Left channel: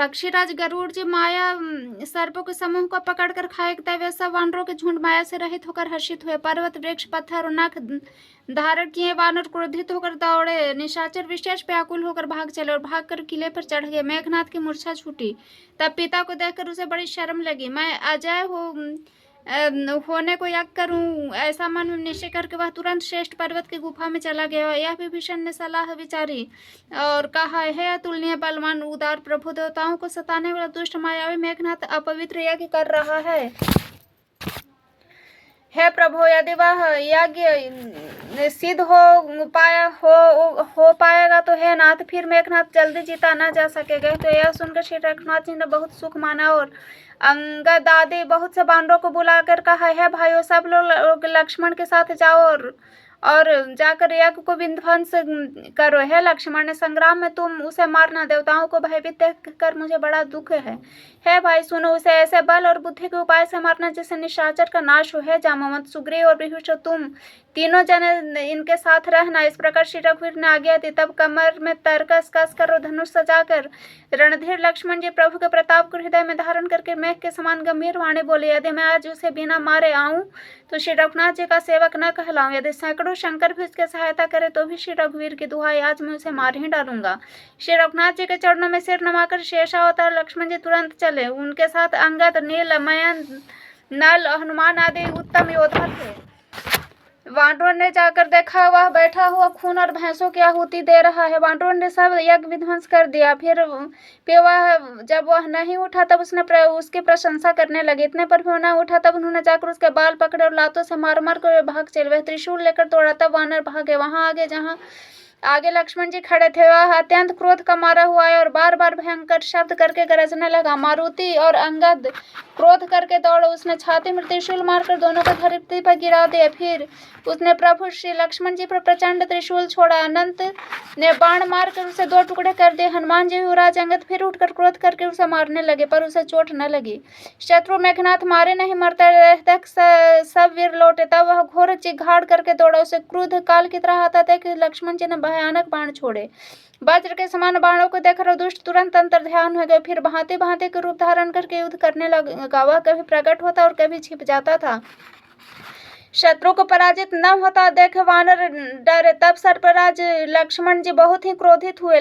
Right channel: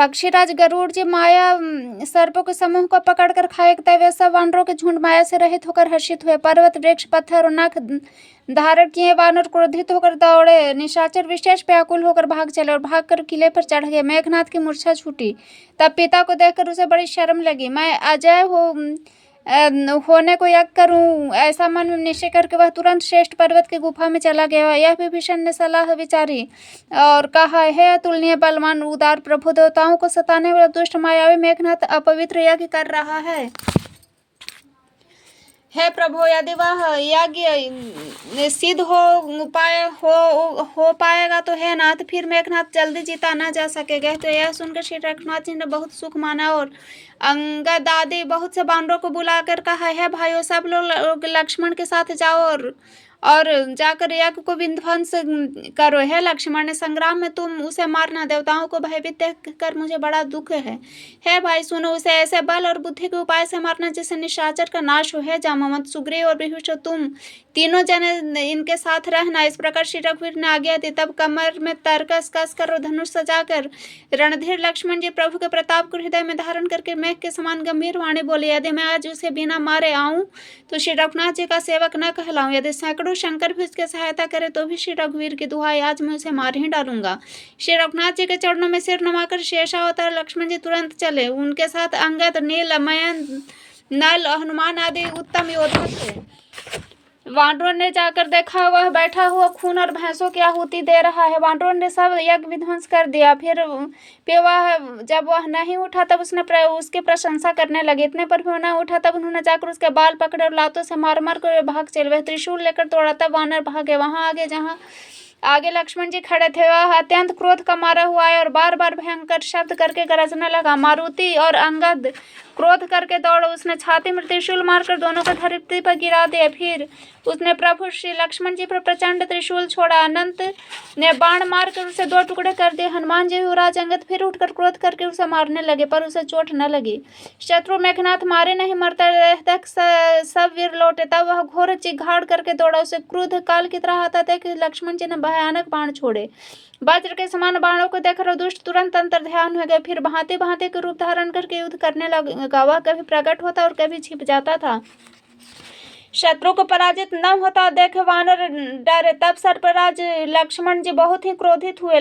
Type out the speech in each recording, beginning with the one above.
पक्षीराज गरुड़ जी माया सर्पों के समूह को पकड़कर खाए तब वे सब वानरों के झुंड माया से रहित होकर हर्षित हुए। पर्वत वृक्ष पत्थर और नख धारण किए वानर क्रोधित होकर दौड़े। निशाचर विशेष व्याकुल होकर भाग चले और भागकर किले पर चढ़ गए। मेघनाथ की मूर्छा छूटी। तब पिता को देखकर उसे बड़ी शर्म लगी। मैं अजय होने को यज्ञ करूं, ऐसा मन में निश्चय करके वह तुरंत श्रेष्ठ पर्वत की गुफा में चला गया। यह विभीषण ने सलाह विचारी और कहा, हे अतुलनीय बलवान उदार प्रभु, देवताओं को सताने वाला दुष्ट मायावी मेघनाथ अपवित्र यज्ञ कर रहा है। हे प्रभु, यदि वह यज्ञ सिद्ध हो पाएगा तो हे नाथ, फिर मेघनाथ जल्दी जीता न जा सकेगा। तो यह सुनकर श्री रघुनाथ जी ने बहुत सुख माना और अंगद आदि बहुत से बानरों को बुलाकर कहा, हे भाइयों, सब लोग लक्ष्मण के साथ जाओ और जाकर यज्ञ को विध्वंस करो। हे लक्ष्मण, संग्राम में तुम उसे मारना। देवताओं को भयभीत देख कर मुझे बड़ा दुख है। हे भाई सुनो, उसे ऐसे बल और बुद्धि के उपाय से मारना जिससे निशाचर का नाश हो। हे जामवंत, सुग्रीव और विभीषण, तुम तीनों जने इनके साथ रहना। इस प्रकार श्री रघुवीर ने आज्ञा दी। तब कमर में तरकस कस कर और धनुष सजाकर रणधीर लक्ष्मण जी प्रभु के प्रताप को हृदय में धारण करके मेघ के समान गंभीर वाणी बोले, यदि मैं आज उसे बिना मारे आऊं तो श्री रघुनाथ जी का सेवक न कहलाऊं। यदि सैकड़ों शंकर भी उसकी सहायता करे तो भी श्री रघुवीर की दुहाई, आज मैं उसे मार ही डालूंगा। श्री रघुनाथ जी के चरणों में सिर नमाकर शेषावतार लक्ष्मण जी तुरंत चले। उनके साथ अंगद, नील, मयन, नल, हनुमान आदि उत्तम योद्धा थे। वानरों ने जाकर देखा, वह बैठा हुआ खून और भैंसों की आहुति दे रहा है। वानरों ने सब यज्ञ विध्वंस कर दिया। फिर वह जब वह नहीं उठा तब उसकी प्रशंसा करने लगे। इतने पर भी वह न उठा तब उन्होंने जाकर उसके बाल पकड़े और लातों से मार मार कर भाग चले। वह त्रिशूल लेकर दौड़ा तब वानर भागे। वहां आगे जहां आगे लक्ष्मण जी खड़े थे, वह अत्यंत क्रोध का मारा हुआ है और बार बार भयंकर शब्द करके गरजने लगा। मारुति और अंगद क्रोध करके दौड़े। उसने छाती में त्रिशूल मारकर दोनों को धरती पर गिरा दिया। फिर उसने प्रभु श्री लक्ष्मण जी पर प्रचंड त्रिशूल छोड़ा। अनंत ने बाण मारकर उसे दो टुकड़े कर दिए। हनुमान जी युवराज अंगद फिर उठकर क्रोध करके उसे मारने लगे, पर उसे चोट न लगी। शत्रु मेघनाथ मारे नहीं मरते तक सब वीर लौटे। तब वह घोर चिघाड़ करके दौड़ा। उसे क्रोध काल की तरह आता था कि लक्ष्मण जी ने भयानक बाण छोड़े। वज्र के समान बाणों को देखकर दुष्ट तुरंत अंतर ध्यान हो गए। फिर भांति भांति के रूप धारण करके युद्ध करने लगा। वह कभी प्रकट होता और कभी छिप जाता था। शत्रु को पराजित न होता देख वानर डरे। तब सर्पराज लक्ष्मण जी बहुत ही क्रोधित हुए।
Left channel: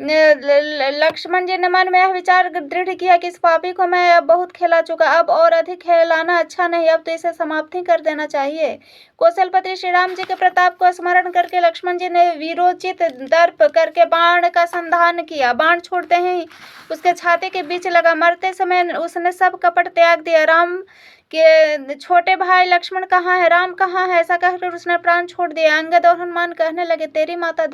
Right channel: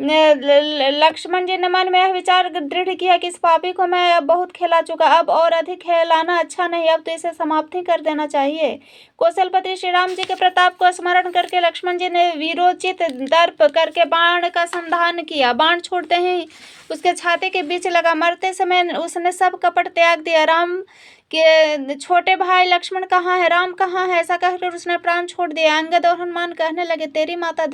लक्ष्मण जी ने मन में यह विचार दृढ़ किया कि इस पापी को मैं अब बहुत खेला चुका, अब और अधिक खेलाना अच्छा नहीं, अब तो इसे समाप्त ही कर देना चाहिए। कौशलपति श्री राम जी के प्रताप को स्मरण करके लक्ष्मण जी ने वीरोचित दर्प करके बाण का संधान किया। बाण छोड़ते ही उसके छाती के बीच लगा। मरते समय उसने सब कपट त्याग दिया। राम के छोटे भाई लक्ष्मण कहाँ है, राम कहाँ है, ऐसा कहकर उसने प्राण छोड़ दिया। अंगद और हनुमान कहने लगे, तेरी माता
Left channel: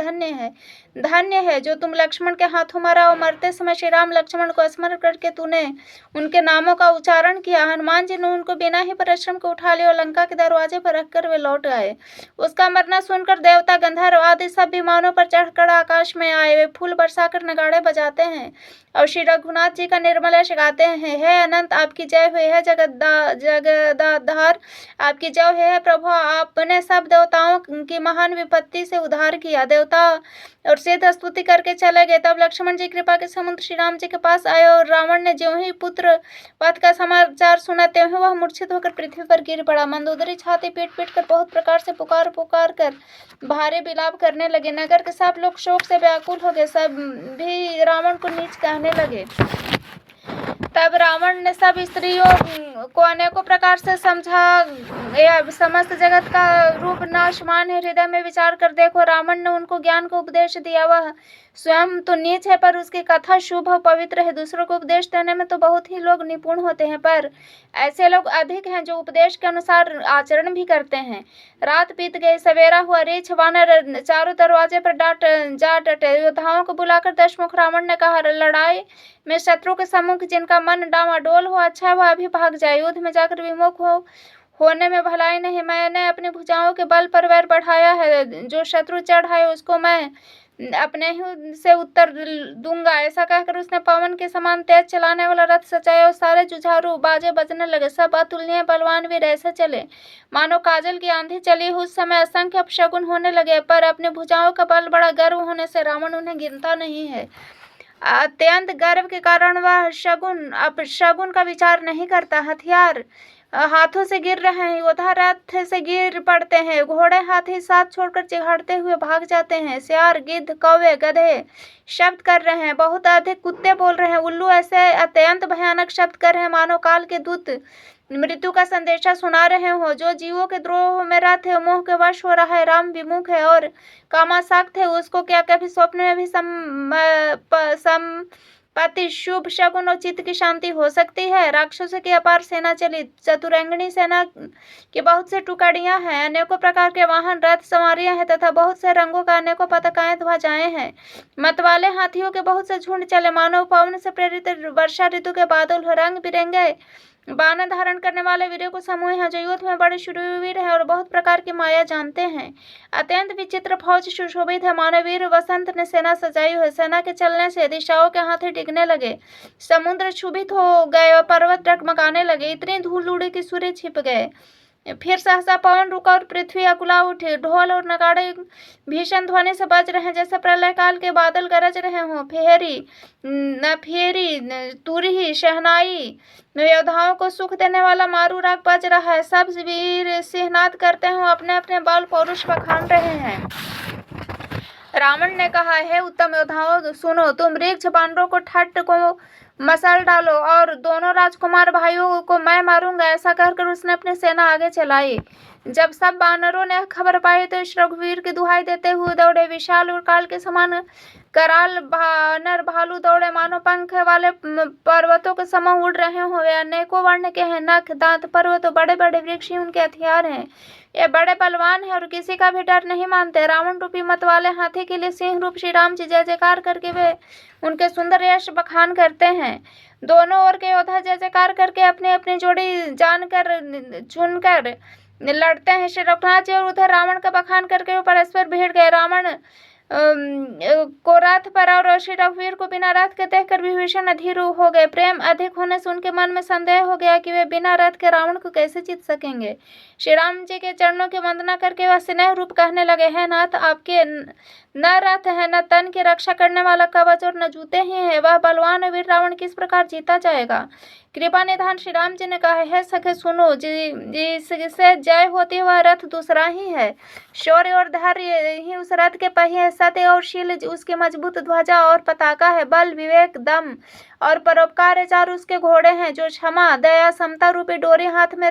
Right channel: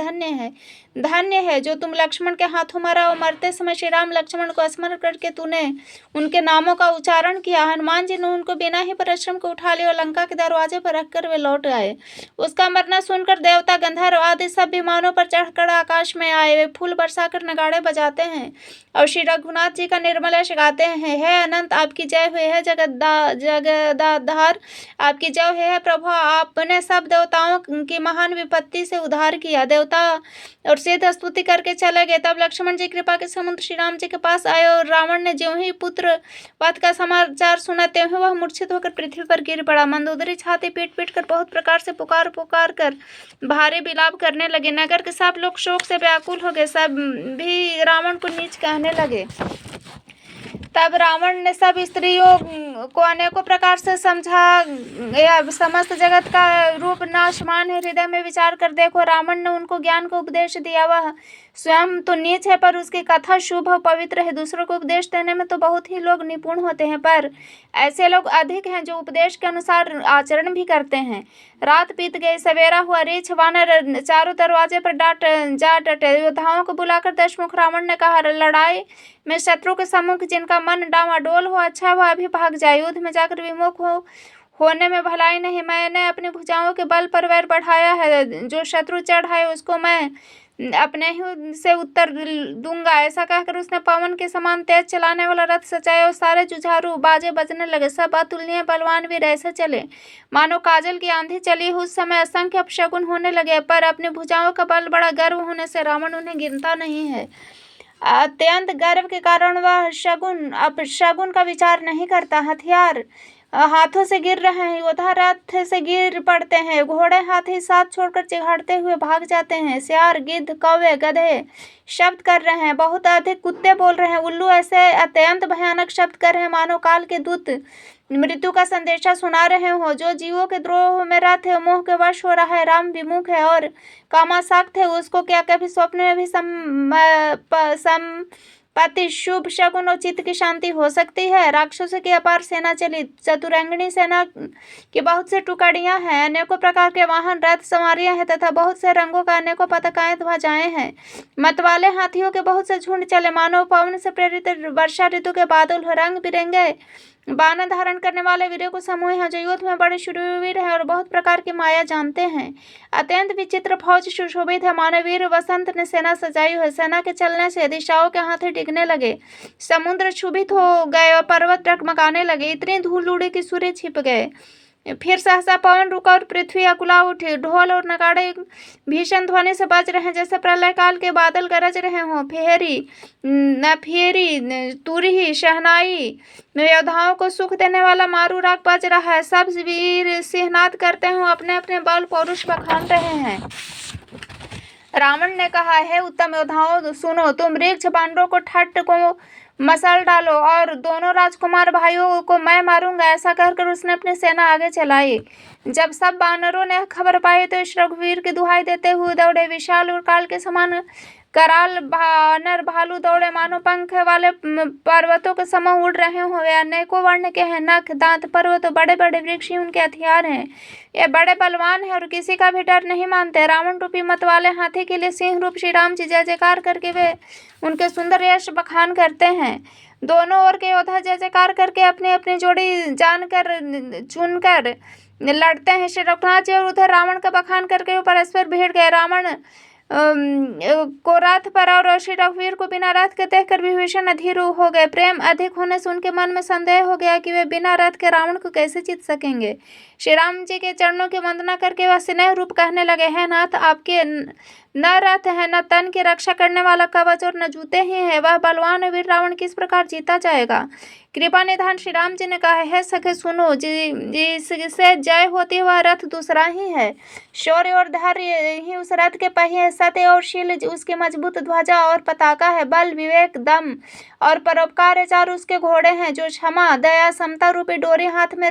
धन्य है जो तुम लक्ष्मण के हाथों मरा और मरते समय श्री राम लक्ष्मण को स्मरण करके तूने उनके नामों का उच्चारण किया। हनुमान जी ने उनको बिना ही परिश्रम को उठा लिया और लंका के दरवाजे पर रखकर वे लौट आए। उसका मरना सुनकर देवता, गंधर्व आदि सब विमानों पर चढ़कर आकाश में आए। वे फूल बरसाकर नगाड़े बजाते हैं और श्री रघुनाथ जी का निर्मल यश गाते हैं। हे अनंत, आपकी जय हुई है। जगदाधार, आपकी जय हुई है। प्रभु, आपने सब देवताओं की महान विपत्ति से उद्धार किया। देवता और सिद्ध स्तुति करके चले गए। तब लक्ष्मण जी कृपा के समुद्र श्री राम जी के पास आए और रावण ने ज्यों ही पुत्र वध का समाचार सुना त्यों ही वह मूर्छित होकर पृथ्वी पर गिर पड़ा। मंदोदरी छाती पीट पीट कर बहुत प्रकार से पुकार पुकार कर भारी विलाप करने लगे। नगर के सब लोग शोक से व्याकुल हो गए। सब भी रावण को नीच कहने लगे। तब रावण ने सब स्त्रियों को अनेकों प्रकार से समझा, समस्त जगत का रूप नाशमान है, हृदय में विचार कर देखो। रावण ने उनको ज्ञान का उपदेश दिया। वह स्वयं तो नीच है पर उसकी कथा शुभ और पवित्र है। दूसरों को उपदेश देने में तो बहुत ही लोग निपुण होते हैं, पर ऐसे लोग अधिक हैं जो उपदेश के अनुसार आचरण भी करते हैं। रात बीत गई, सवेरा हुआ। रीछ वानर चारों दरवाजे पर जा डटे। योद्धाओं को बुलाकर दशमुख रावण ने कहा, लड़ाई में शत्रु के सम्मुख जिनका मन डामाडोल हो, अच्छा वह अभी भाग जाए। युद्ध में जाकर विमुख होने में भलाई नहीं। मैंने अपनी भुजाओं के बल पर वैर बढ़ाया है। जो शत्रु चढ़ाए उसको मैं अपने ही से उत्तर दूंगा। ऐसा कहकर उसने पवन के समान तेज चलाने वाला रथ सजाया और सारे जुझारू बाजे बजने लगे। सब अतुलनीय बलवान वीर ऐसे चले मानो काजल की आंधी चली। उस समय असंख्य अपशगुन होने लगे, पर अपनी भुजाओं का बल बड़ा गर्व होने से रावण उन्हें गिनता नहीं है। अत्यंत गर्व के कारण वह शगुन का विचार नहीं करता। हथियार हाथों से गिर रहे हैं, योद्धा रथ से गिर पड़ते हैं, घोड़े हाथी साथ छोड़कर चिघाड़ते हुए भाग जाते हैं, सियार गिद्ध कौवे गधे शब्द कर रहे हैं, बहुत अधिक कुत्ते बोल रहे हैं, उल्लू ऐसे अत्यंत भयानक शब्द कर रहे हैं मानो काल के दूत मृत्यु का संदेशा सुना रहे हो। जो जीवों के द्रोह में रथ है, मोह के वश हो रहा है, राम विमुख है और कामासक्त है, उसको क्या कभी स्वप्न में भी संपत्ति शुभ शगुन और चित्त की शांति हो सकती है। राक्षसों की अपार सेना चली, चतुरंगिणी सेना की बहुत से टुकड़ियां हैं, अनेकों प्रकार के वाहन रथ सवारियां हैं तथा बहुत से रंगों का अनेकों पताकाएं ध्वजाएं हैं। मतवाले हाथियों के बहुत से झुंड चले, मानव पवन से प्रेरित वर्षा ऋतु के बादल हो। रंग बिरंगे बाण धारण करने वाले वीरों को समूह हैं जो युद्ध में बड़े शूरवीर हैं और बहुत प्रकार की माया जानते हैं। अत्यंत विचित्र फौज सुशोभित है, मानो वीर वसंत ने सेना सजाई है। सेना के चलने से दिशाओं के हाथी डिगने लगे, समुद्र क्षुभित हो गए और पर्वत डगमगाने लगे, इतनी धूल उड़ी कि सूर्य छिप गए। फिर सहसा पवन रुका और पृथ्वी अकुला उठी, ढोल और नगाड़े भीषण ध्वनि से बज रहे हैं जैसे प्रलय काल के बादल गरज रहे हों। फेरी नफेरी तुरही शहनाई योद्धाओं को सुख देने वाला मारू राग बज रहा है, सब वीर सिंहनाद करते हैं, अपने अपने बल पौरुष बखान रहे हैं। रावण ने कहा, हे उत्तम योद्धाओं सुनो, तुम वृक्ष बानरों को ठट्ट को मसल डालो और दोनों राजकुमार भाइयों को मैं मारूंगा। ऐसा कहकर उसने अपनी सेना आगे चलाई। जब सब बानरों ने खबर पाई तो इस रघुवीर की दुहाई देते हुए दौड़े। विशाल और काल के समान कराल बानर भालू दौड़े, मानो पंख वाले पर्वतों के समूह उड़ रहे हो। वे अनेकों वर्ण के हैं, नख दांत पर्वत बड़े बड़े वृक्ष ही उनके हथियार हैं। ये बड़े बलवान हैं और किसी का भी डर नहीं मानते। रावण रूपी मत वाले हाथी के लिए सिंह रूप श्री राम जी जय जयकार करके वे उनके सुंदर यश बखान करते हैं। दोनों ओर के योद्धा जय जयकार करके अपनी अपनी जोड़ी जानकर चुनकर लड़ते हैं। श्री रघुनाथ जी और उधर रावण का बखान करके वो परस्पर भिड़ गए। रावण को रथ पर और श्री रघुवीर को बिना रथ के देखकर विभीषण अधीर हो गए। प्रेम अधिक होने से उनके मन में संदेह हो गया कि वे बिना रथ के रावण को कैसे जीत सकेंगे। श्री राम जी के चरणों की वंदना करके वह स्नेह रूप कहने लगे, हैं नाथ, आपके न रथ है, न तन की रक्षा करने वाला कवच और न जूते ही है, वह बलवान वीर रावण किस प्रकार जीता जाएगा। कृपा निधान श्री राम जी ने कहा, है सखे सुनो, जिससे जय होती है वह रथ दूसरा ही है। शौर्य और धैर्य ही उस रथ के पहिए, सत्य और शील उसकी मजबूत ध्वजा और पताका है। बल विवेक दम और परोपकार चार उसके घोड़े हैं, जो क्षमा दया समता रूपी डोरी हाथ में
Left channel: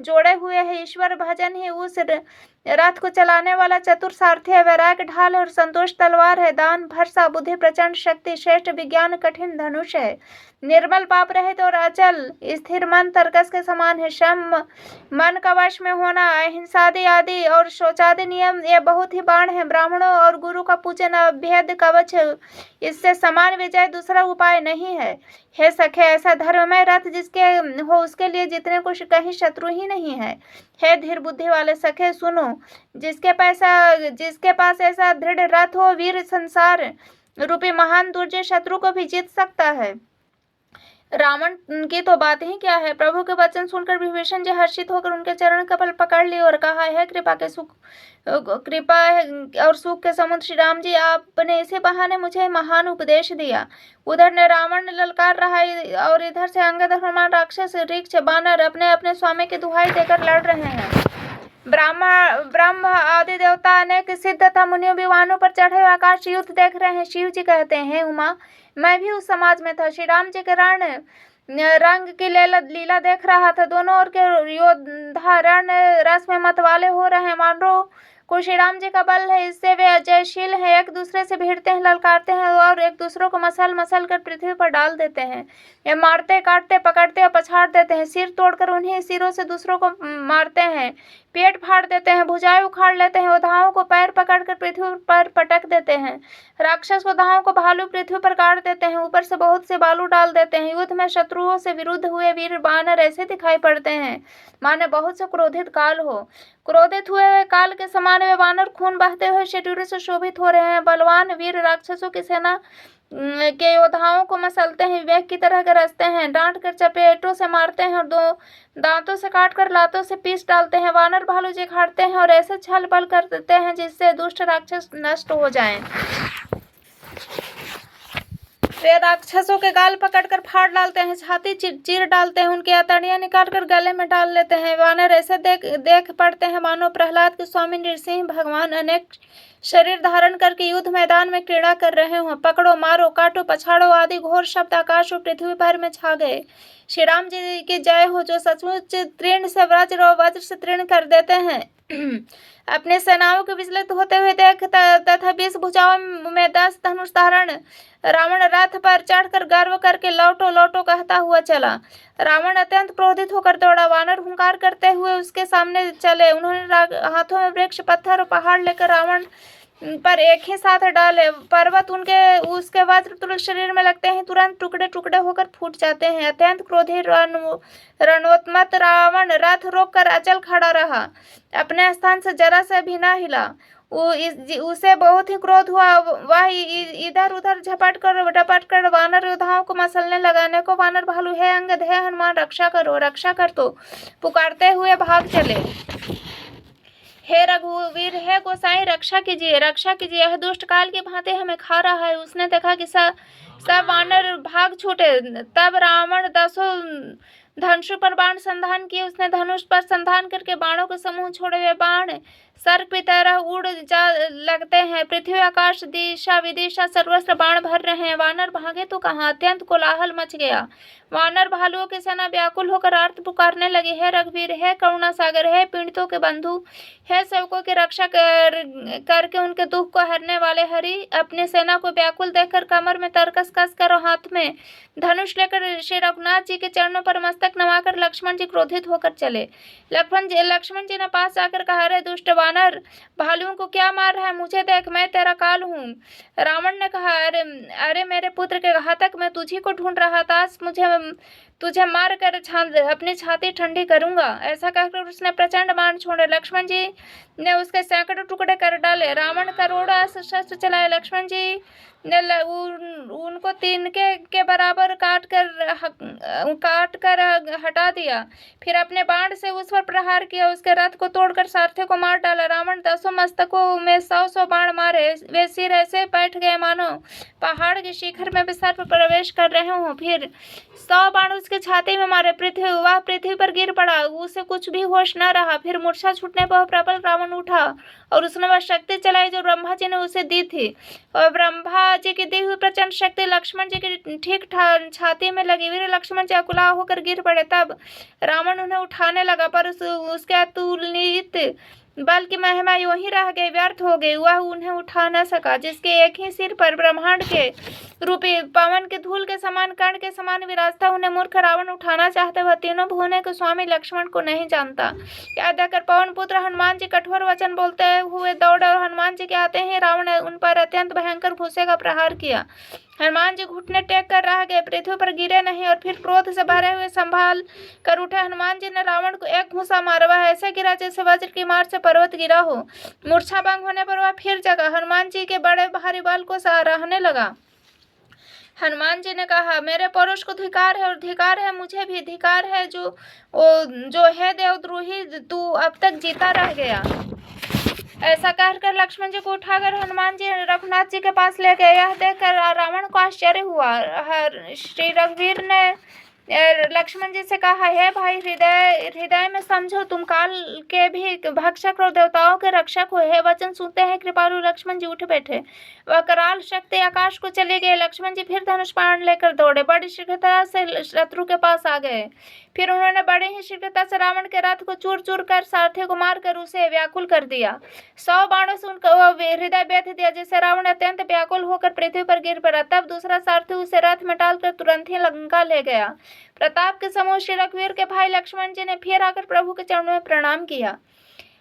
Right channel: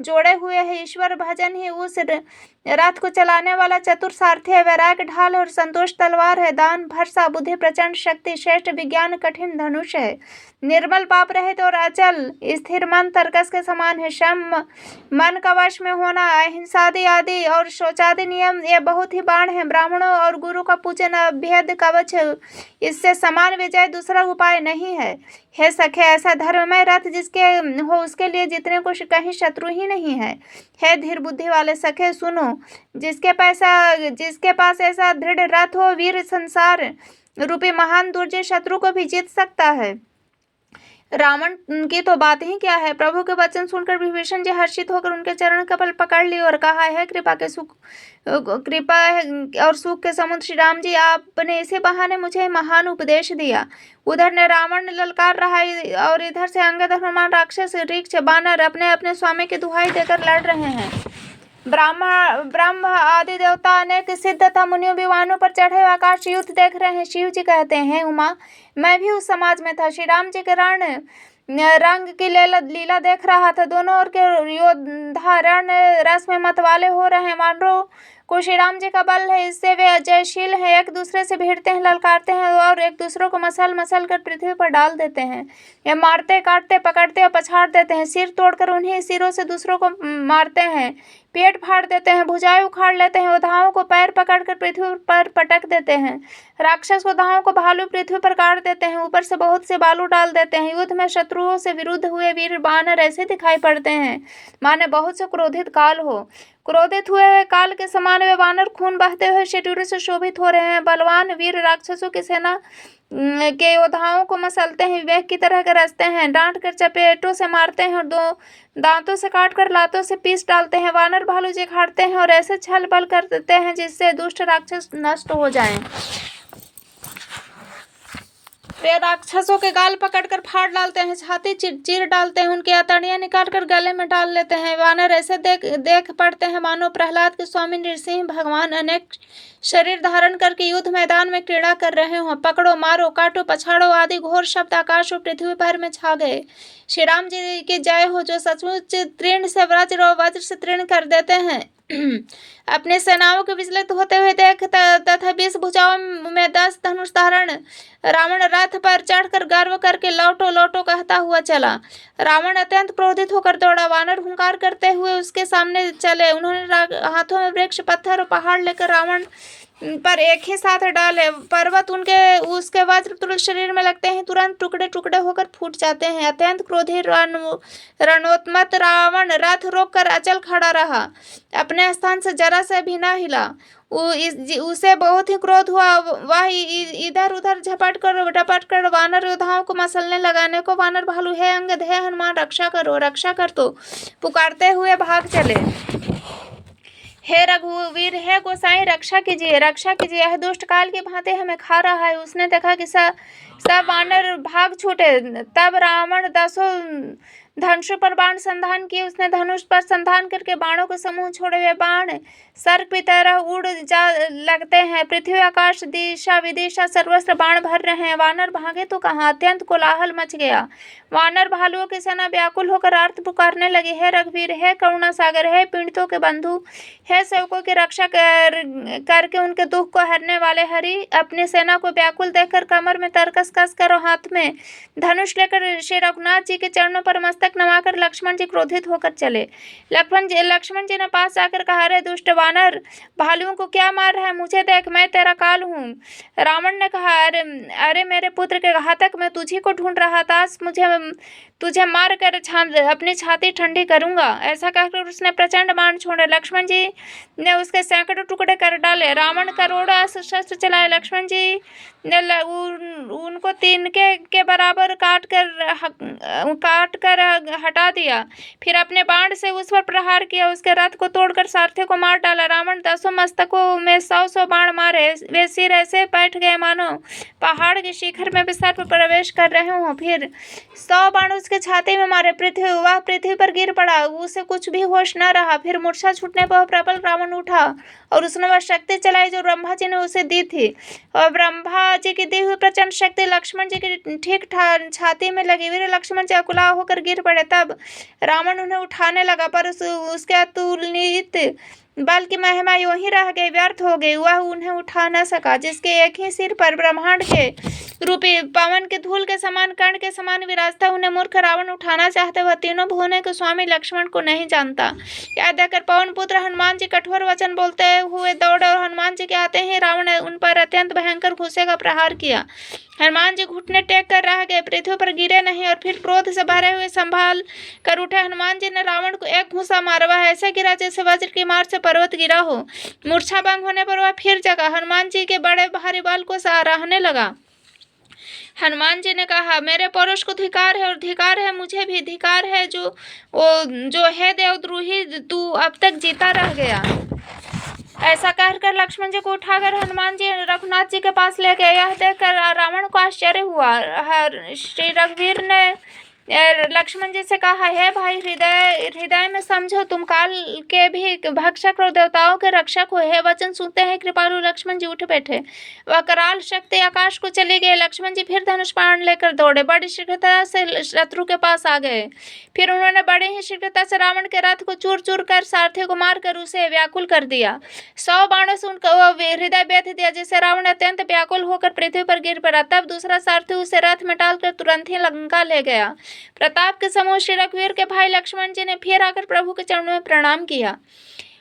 जोड़े हुए है। ईश्वर भजन ही उस रथ को चलाने वाला चतुर सारथी है। वैराग्य ढाल और संतोष तलवार है। दान भरसा बुद्धि प्रचंड शक्ति श्रेष्ठ विज्ञान कठिन धनुष है। निर्मल पाप रहित और अचल स्थिर मन तरकस के समान है। शम मन का वश में होना, अहिंसादि आदि और शौचादि नियम ये बहुत ही बाण है। ब्राह्मणों और गुरु का पूजन अभेद कवच है, इससे समान विजय दूसरा उपाय नहीं है। हे सखे, ऐसा धर्ममय रथ जिसके हो उसके लिए जितने को कहीं शत्रु ही नहीं है। हे धीर बुद्धि वाले सखे सुनो, जिसके पास ऐसा दृढ़ रथ हो, वीर संसार रूपी महान दुर्जय शत्रु को भी जीत सकता है। रावण की तो बात ही क्या है। प्रभु के वचन सुनकर विभीषण जी हर्षित होकर उनके चरण कमल पकड़ लिए और कहा, है कृपा और सुख के समुद्र श्री राम जी, आपने इसी बहाने मुझे महान उपदेश दिया। उधर ने रावण ललकार रहा और इधर से अंगद हनुमान राक्षस ऋक्ष बानर अपने अपने स्वामी की दुहाई देकर लड़ रहे हैं। ब्रह्म आदि देवता अनेक सिद्ध तथा मुनियों विमानों पर चढ़े हुए आकाश युद्ध देख रहे हैं। शिव जी कहते हैं, उमा, मैं भी उस समाज में था। श्री राम जी के रण रंग की लीला देख रहा था। दोनों ओर के योद्धा रण रस में मतवाले हो रहे हैं। वानरों को श्री राम जी का बल है, इससे वे अजयशील हैं। एक दूसरे से भिड़ते हैं, ललकारते हैं और एक दूसरों को मसल मसल कर पृथ्वी पर डाल देते हैं। ये मारते काटते पकड़ते और पछाड़ देते हैं। सिर तोड़कर उन्हीं सिरों से दूसरों को मारते हैं, पेट फाड़ देते हैं, भुजाएं उखाड़ लेते हैं, योद्धाओं को पैर पकड़कर पृथ्वी पर पटक देते हैं। राक्षस योद्धाओं को भालू पृथ्वी पर काट देते हैं, ऊपर से बहुत से बालू डाल देते हैं। युद्ध में शत्रुओं से विरुद्ध हुए वीर बानर ऐसे दिखाई पड़ते हैं माने बहुत से क्रोधित काल हो। क्रोधित हुए काल के समान वे वानर खून बहते हुए शरीरों से शोभित हो रहे हैं। बलवान वीर राक्षसों की सेना के योद्धाओं को मसलते हैं, विवेक की तरह गरजते हैं, डांट कर चपेटों से मारते हैं और दो दांतों से काट कर लातों से पीस डालते हैं। वानर भालू चिखाड़ते हैं और ऐसे छल बल कर देते हैं जिससे दुष्ट राक्षस नष्ट हो जाएं। वे राक्षसों के गाल पकड़कर फाड़ डालते हैं, छाती चीर डालते हैं, उनकी अतड़ियां निकालकर गले में डाल लेते हैं। वानर ऐसे देख पड़ते हैं मानो प्रहलाद के स्वामी नृसिंह भगवान अनेक शरीर धारण करके युद्ध मैदान में क्रीड़ा कर रहे हों। पकड़ो, मारो, काटो, पछाड़ो आदि घोर शब्द आकाश और पृथ्वी भर में छा गए। श्री राम जी की जय हो, जो सचमुच तीर्ण से वज्र और वज्र से तीर्ण कर देते हैं। अपने सेनाओं के विचलित होते हुए देख तथा 20 भुजाओं में 10 धनुष धारण रावण रथ पर चढ़कर गर्व करके लौटो लौटो कहता हुआ चला। रावण अत्यंत क्रोधित होकर दौड़ा। वानर हुंकार करते हुए उसके सामने चले। उन्होंने हाथों में वृक्ष, पत्थर और पहाड़ लेकर रावण पर एक ही साथ डाले। पर्वत उसके वज्र तुल्य शरीर में लगते हैं, तुरंत टुकड़े टुकड़े होकर फूट जाते हैं। अत्यंत क्रोधी रणोन्मत्त रावण रथ रोक कर अचल खड़ा रहा, अपने स्थान से जरा से भी न हिला। उसे बहुत ही क्रोध हुआ। वह इधर उधर झपट कर वानर योद्धाओं को मसलने लगाने को वानर भालू, हे अंगद, हे हनुमान, रक्षा करो, रक्षा कर, तो पुकारते हुए भाग चले। हे रघुवीर, हे गोसाई, रक्षा कीजिए, रक्षा कीजिए, यह दुष्ट काल की भांति हमें खा रहा है। उसने देखा कि सब वानर भाग छूटे। तब रावण 10 धनुष पर बाण संधान किए। उसने धनुष पर संधान करके बाणों के समूह छोड़े। हुए बाण सर्प की तरह उड़ जा लगते हैं। पृथ्वी, आकाश, दिशा विदिशा सर्वस्त्र बाण भर रहे हैं। वानर भागे तो कहाँ, अत्यंत कोलाहल मच गया। वानर भालुओं की सेना व्याकुल होकर आर्त पुकारने लगी, हे रघुवीर, हे करुणा सागर, हे पीड़ितों के बंधु, हे सेवकों की रक्षा करके उनके दुख को हरने वाले हरि। अपनी सेना को व्याकुल देखकर कमर में तरकस कस कर और हाथ में धनुष लेकर श्री रघुनाथ जी के चरणों पर मस्तक नवाकर लक्ष्मण जी क्रोधित होकर चले। लक्ष्मण जी ने पास आकर कहा, अरे दुष्ट वानर, भालुओं को क्या मार रहा है? मुझे देख, मैं तेरा काल हूँ। रावण ने कहा, अरे मेरे पुत्र के घातक, मैं तुझी को ढूंढ रहा था। तुझे मार कर अपनी छाती ठंडी करूंगा। ऐसा कहकर उसने प्रचंड बाण छोड़े। लक्ष्मण जी ने उसके सैकड़ों टुकड़े कर डाले। रावण करोड़ों अस्त्र शस्त्र चलाए। लक्ष्मण जी ने उनको तिनके के बराबर काट कर हटा दिया। फिर अपने बाण से उस पर प्रहार किया। उसके रथ को तोड़कर सारथी को मार डाला। रावण 10 मस्तकों में 100 बाण मारे। वे सिर ऐसे बैठ गए मानो पहाड़ के शिखर में भी सर्प प्रवेश कर रहे हों। फिर 100 बाण उसके छाती में मारे। वह पृथ्वी पर गिर पड़ा। उसे कुछ भी होश न रहा। फिर मूर्छा छूटने पर प्रबल रावण उठा और उसने वह शक्ति चलाई जो ब्रह्मा जी ने उसे दी थी। और ब्रह्मा जी की दी हुई प्रचंड शक्ति लक्ष्मण जी की ठीक छाती में लगी। वीर लक्ष्मण जी अकुला होकर गिर पड़े। तब रावण उन्हें उठाने लगा, पर उसके अतुलनीय बल की महिमा यूं ही रह गई, व्यर्थ हो गई। वह उन्हें उठा न सका। जिसके एक ही सिर पर ब्रह्मांड के रूपी पवन के धूल के समान, कर्ण के समान विराजता, उन्हें मूर्ख रावण उठाना चाहते। वह तीनों भुवनों के स्वामी लक्ष्मण को नहीं जानता। यह देखकर पवन पुत्र हनुमान जी कठोर वचन बोलते हुए दौड़े और हनुमान जी के आते ही रावण ने उन पर अत्यंत भयंकर घुस्से का प्रहार किया। हनुमान जी घुटने टेक कर रह गए, पृथ्वी पर गिरे नहीं। और फिर क्रोध से भरे हुए संभाल कर उठे हनुमान जी ने रावण को एक घूंसा मारा। वह ऐसे गिरा जैसे वज्र की मार से पर्वत गिरा हो। मूर्छा भंग होने पर वह फिर जगा। हनुमान जी के बड़े भारी बाल को सराहने लगा। हनुमान जी ने कहा, मेरे पौरुष को धिकार है और धिकार है मुझे भी। धिकार है जो है देवद्रोही, तू अब तक जीता रह गया। ऐसा कहकर लक्ष्मण जी को उठाकर हनुमान जी रघुनाथ जी के पास ले गए। यह देखकर रावण को आश्चर्य हुआ। श्री रघुवीर ने लक्ष्मण जी से कहा, हे भाई, हृदय में समझो, तुम काल के भी भक्षक और देवताओं के रक्षक हो। हे वचन सुनते हैं कृपालु लक्ष्मण जी उठ बैठे। वह कराल शक्ति आकाश को चले गए। लक्ष्मण जी फिर धनुष बाण लेकर दौड़े, बड़ी शीघ्रता से शत्रु के पास आ गए। फिर उन्होंने बड़ी ही शीघ्रता से रावण के रथ को चूर चूर कर सारथी को मारकर उसे व्याकुल कर दिया। 100 बाणों से उनका हृदय बेध दिया, जिससे रावण अत्यंत व्याकुल होकर पृथ्वी पर गिर पड़ा। तब दूसरा सारथी उसे रथ में डालकर तुरंत ही लंका ले गया। प्रताप के समूह श्री रघुवीर के भाई लक्ष्मण जी ने फिर आकर प्रभु के चरणों में प्रणाम किया।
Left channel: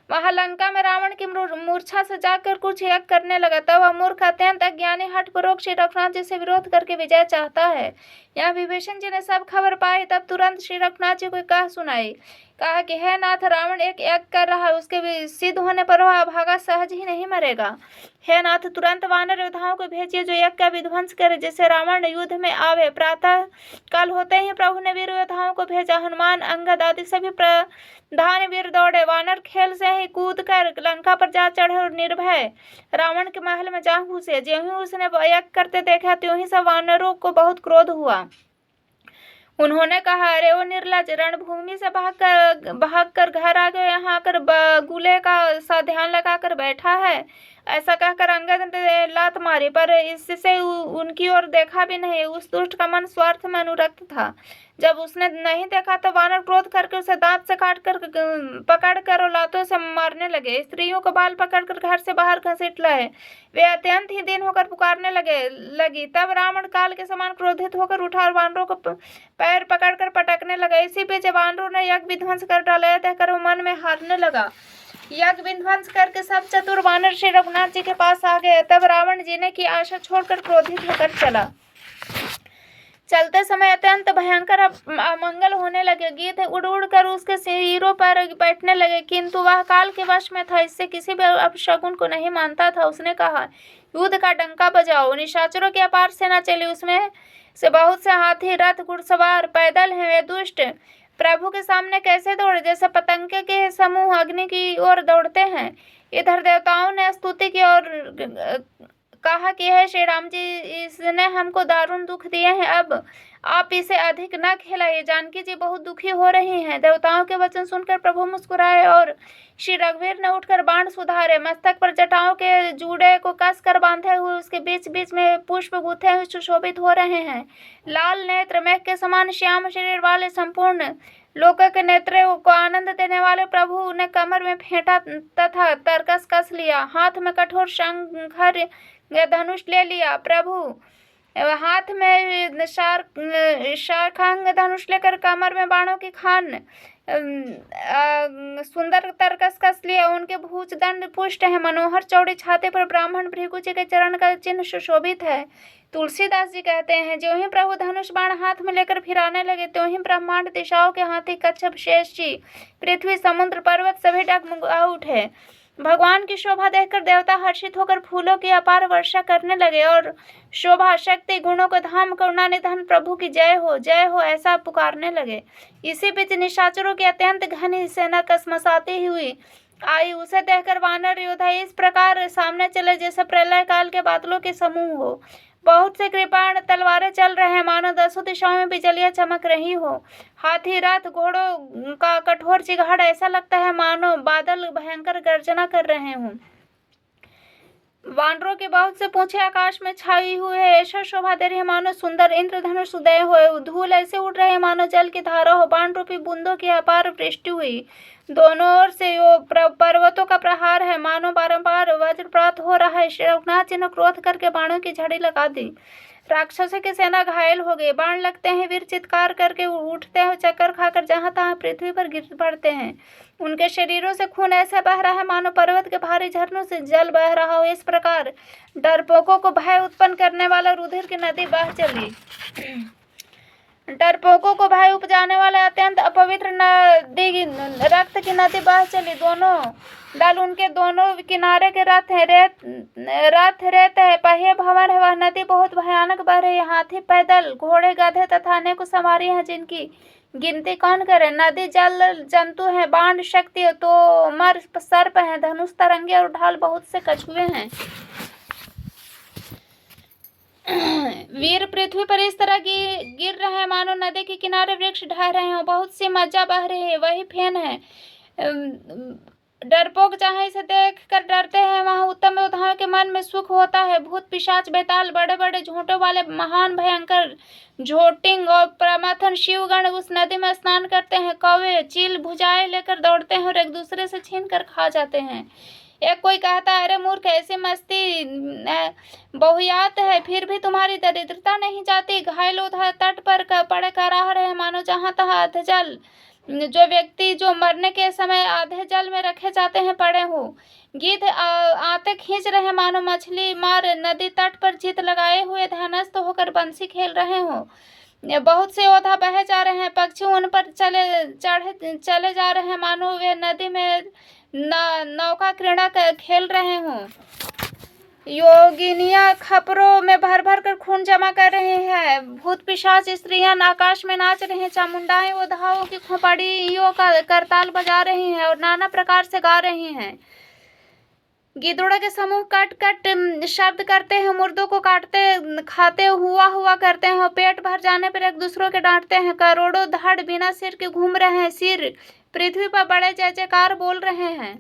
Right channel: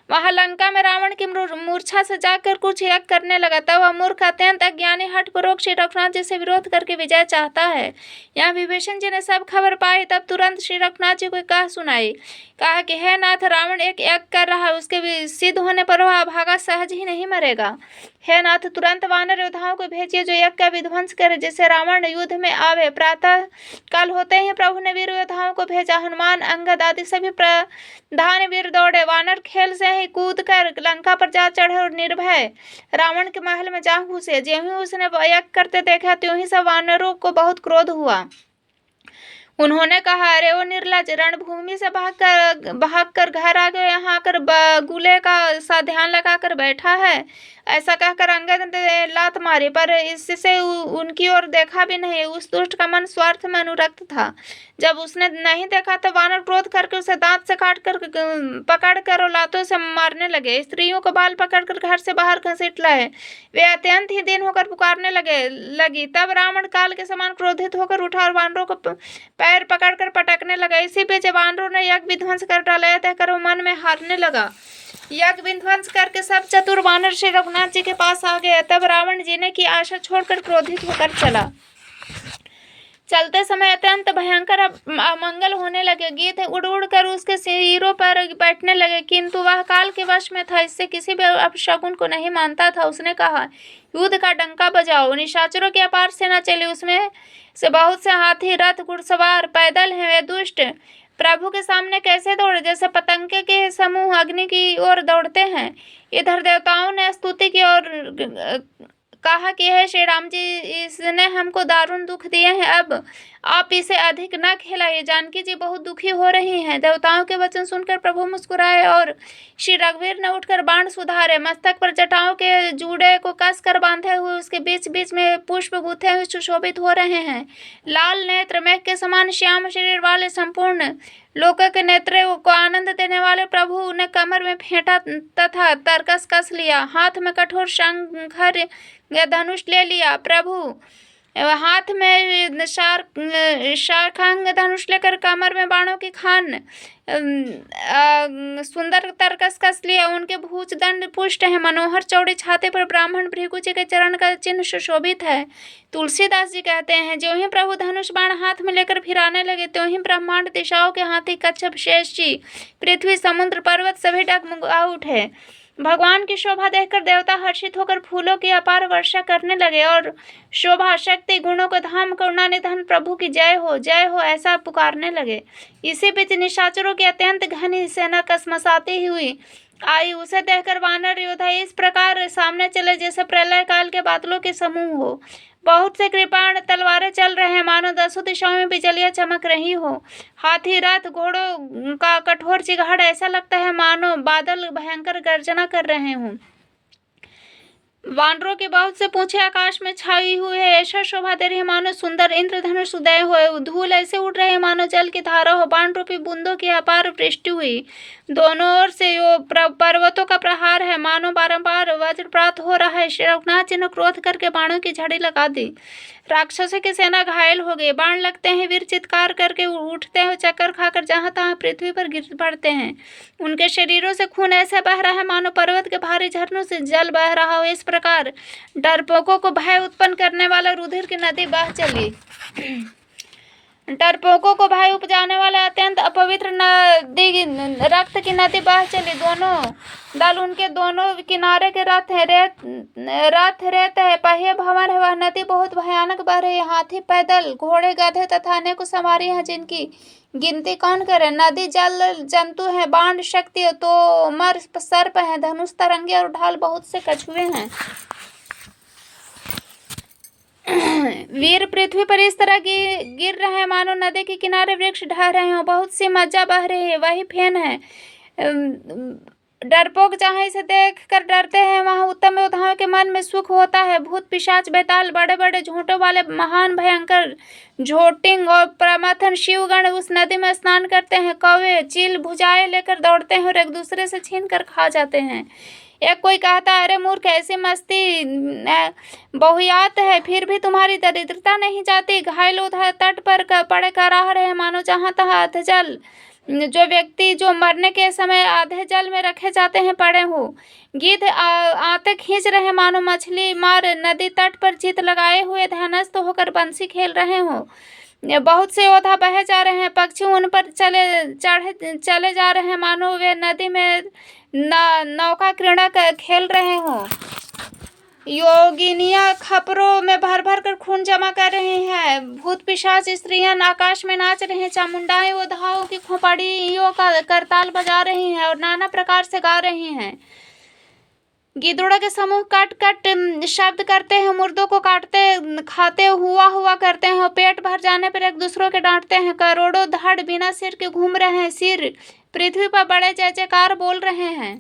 वहां लंका में रावण की मूर्छा से जाकर कुछ यज्ञ करने लगा। तब वह मूर्ख अत्यंत अज्ञानी हठपूर्वक श्री रघुनाथ जी से विरोध करके विजय चाहता है। यहाँ विभीषण जी ने सब खबर पाई। तब तुरंत श्री रघुनाथ जी को कह सुनाई। कहा कि हे नाथ, रावण एक यज्ञ कर रहा है, उसके सिद्ध होने पर वह अभागा सहज ही नहीं मरेगा। हे नाथ, तुरंत वानर योद्धाओं को भेजिए जो यज्ञ का विध्वंस करे, जिससे रावण युद्ध में आवे। प्रातः काल होते ही प्रभु ने वीर योद्धाओं को भेजा। हनुमान, अंगद आदि सभी प्रधान वीर दौड़े। वानर खेल से ही कूद कर लंका पर जा चढ़े और निर्भय रावण के महल में जा घुसे। ज्यों ही उसने यज्ञ करते देखा, त्यों ही सब वानरों को बहुत क्रोध हुआ। उन्होंने कहा, अरे वो निर्लज, रणभूमि से भाग कर घर आ गए, यहाँ आकर बगुले का सा ध्यान लगाकर बैठा है। ऐसा कहकर अंगद ने लात मारी, पर इससे उनकी ओर देखा भी नहीं। उस दुष्ट का मन स्वार्थ में अनुरक्त था। जब उसने नहीं देखा तो वानर क्रोध करके उसे दांत से पकड़ कर और लातों से मारने लगे। स्त्रियों को बाल पकड़कर घर से बाहर घसीट लाए। वे अत्यंत ही दिन होकर पुकारने लगी। तब रावण काल के समान क्रोधित होकर उठा और वानरों को पैर पकड़कर पटकने लगा। इसी बीच वानरों ने यज्ञ विध्वंस कर डाला। यह देखकर वो मन में हारने लगा। यज्ञ विध्वंस करके सब चतुर वानर श्री रघुनाथ जी के पास आ गए। तब रावण जीने की आशा छोड़कर क्रोधित होकर चला। चलते समय अत्यंत भयंकर अमंगल होने लगे। गीध उड़ उड़ कर उसके सिरों पर बैठने लगे, किंतु वह काल के वश में था, इससे किसी भी अपशकुन को नहीं मानता था। उसने कहा, युद्ध का डंका बजाओ। निशाचरों की अपार सेना चली, उसमें से बहुत से हाथी, रथ, घुड़सवार पैदल हैं। वे दुष्ट प्रभु के सामने कैसे दौड़े, जैसे पतंगे के समूह अग्नि की ओर दौड़ते हैं। इधर देवताओं ने स्तुति की और कहा कि हे श्री राम जी, इसने हमको दारुण दुख दिए हैं, अब आप इसे अधिक न खिलाइए। जानकी जी बहुत दुखी हो रही हैं। देवताओं के वचन सुनकर प्रभु मुस्कुराए और श्री रघुवीर ने उठकर बाण सुधारे। मस्तक पर जटाओं के जूड़े को कस कर बांधे हुए उसके बीच बीच में पुष्प गूथे हुए सुशोभित हो रहे हैं। लाल नेत्र, मेघ के समान श्याम शरीर वाले, संपूर्ण लोकों के नेत्रों को आनंद देने वाले प्रभु ने कमर में फेंटा तथा तरकस कस लिया। हाथ में कठोर शंखर या धनुष ले लिया। प्रभु हाथ में शार्खांग धनुष लेकर कमर में बाणों की खान सुंदर तरकस कस लिया। उनके भुज दंड पुष्ट है, मनोहर चौड़े छाते पर ब्राह्मण भृगु जी के चरण का चिन्ह सुशोभित है। तुलसीदास जी कहते हैं, ज्यों ही प्रभु धनुष बाण हाथ में लेकर फिराने लगे, त्यों ही ब्रह्मांड दिशाओं के हाथी कच्छप शेष जी, पृथ्वी, समुद्र, पर्वत सभी डगमगा उठे। भगवान की शोभा देखकर देवता हर्षित होकर फूलों की अपार वर्षा करने लगे और शोभा, शक्ति, गुणों को धाम, करुणा निधान प्रभु की जय हो ऐसा पुकारने लगे। इसी बीच निशाचरों की अत्यंत घनी सेना कसमसाती हुई आई। उसे देखकर वानर योद्धा इस प्रकार सामने चले जैसे प्रलय काल के बादलों के समूह हो। बहुत से कृपाण तलवारें चल रहे हैं, मानो दसों दिशाओं में बिजलियां चमक रही हो। हाथी, रथ, घोड़ों का कठोर चिघाड़ ऐसा लगता है मानो बादल भयंकर गर्जना कर रहे हों। वानरों के बहुत से पूंछे आकाश में छाई हुई है, ऐसा शोभा दे रही है मानो सुंदर इंद्रधनुष उदय हो। धूल ऐसे उड़ रहे मानो जल की धारा हो। बाण रूपी बूंदों की अपार वृष्टि हुई। दोनों ओर से पर्वतों का प्रहार है, मानो बारंबार वज्रपात हो रहा है। श्री रघुनाथ जी ने क्रोध करके बाणों की झड़ी लगा दी। राक्षसों की सेना घायल हो गई। बाण लगते हैं, वीर चित्कार करके उठते हैं, चक्कर खाकर जहां तहां पृथ्वी पर गिर पड़ते हैं। उनके शरीरों से खून ऐसा बह रहा है मानो पर्वत के भारी झरनों से जल बह रहा हो। इस प्रकार डरपोकों को भय उत्पन्न करने वाला रुधिर की नदी बह चली। डरपोकों को भय उपजाने वाला अत्यंत अपवित्र नदी, रक्त की नदी बह चली। दोनों दल, उनके दोनों किनारे के रथ रेत है, पहिए भंवर है। वह नदी बहुत भयानक बह रही है। हाथी, पैदल, घोड़े, गधे तथा अनेक सवारी हैं, जिनकी गिनती कौन करे। नदी जल जंतु है, बाण शक्ति तो मर सर्प है, धनुष तरंगे और ढाल बहुत से कछुए हैं। वीर पृथ्वी पर इस तरह गिर रहे हैं मानो नदी के किनारे वृक्ष ढह रहे हो। बहुत सी मज्जा बह रही है, वही फेन है। डरपोक जहाँ इसे देख कर डरते हैं, वहाँ उत्तम योद्धाओं के मन में सुख होता है। भूत, पिशाच, बेताल, बड़े बड़े झोंटों वाले महान भयंकर झोटिंग और प्रमथन शिवगण उस नदी में स्नान करते हैं। कौवे, चील भुजाएं लेकर दौड़ते हैं और एक दूसरे से छीन कर खा जाते हैं। एक कोई कहता है, अरे मूर्ख, ऐसी मस्ती बहुयात है, फिर भी तुम्हारी दरिद्रता नहीं जाती। घायल उधर तट पर पड़े कराह रहे मानो जहां तहां अधजल, जो व्यक्ति जो मरने के समय आधे जल में रखे जाते हैं पड़े हो। गिद्ध आते खींच रहे मानो मछली मार नदी तट पर चित लगाए हुए ध्यानस्थ होकर बंसी खेल रहे हो। बहुत से योद्धा बहे जा रहे हैं, पक्षी उन पर चले जा रहे हैं मानो वे नदी में नौका क्रीड़ा खेल रहे हों। योगिनियां खपरों में भर भर कर खून जमा कर रहे हैं। भूत पिशाच स्त्रियां आकाश में नाच रहे हैं। चामुंडाएं उधाओं की खोपड़ियों का करताल बजा रही हैं और नाना प्रकार से गा रहे हैं। गिद्धड़ों के समूह कट कट शब्द करते हैं। मुर्दों को काटते खाते हुआ हुआ करते हैं और पेट भर जाने पर एक दूसरों के डांटते हैं। करोड़ों धड़ बिना सिर के घूम रहे हैं। सिर पृथ्वी पर बड़े जय जयकार बोल रहे हैं।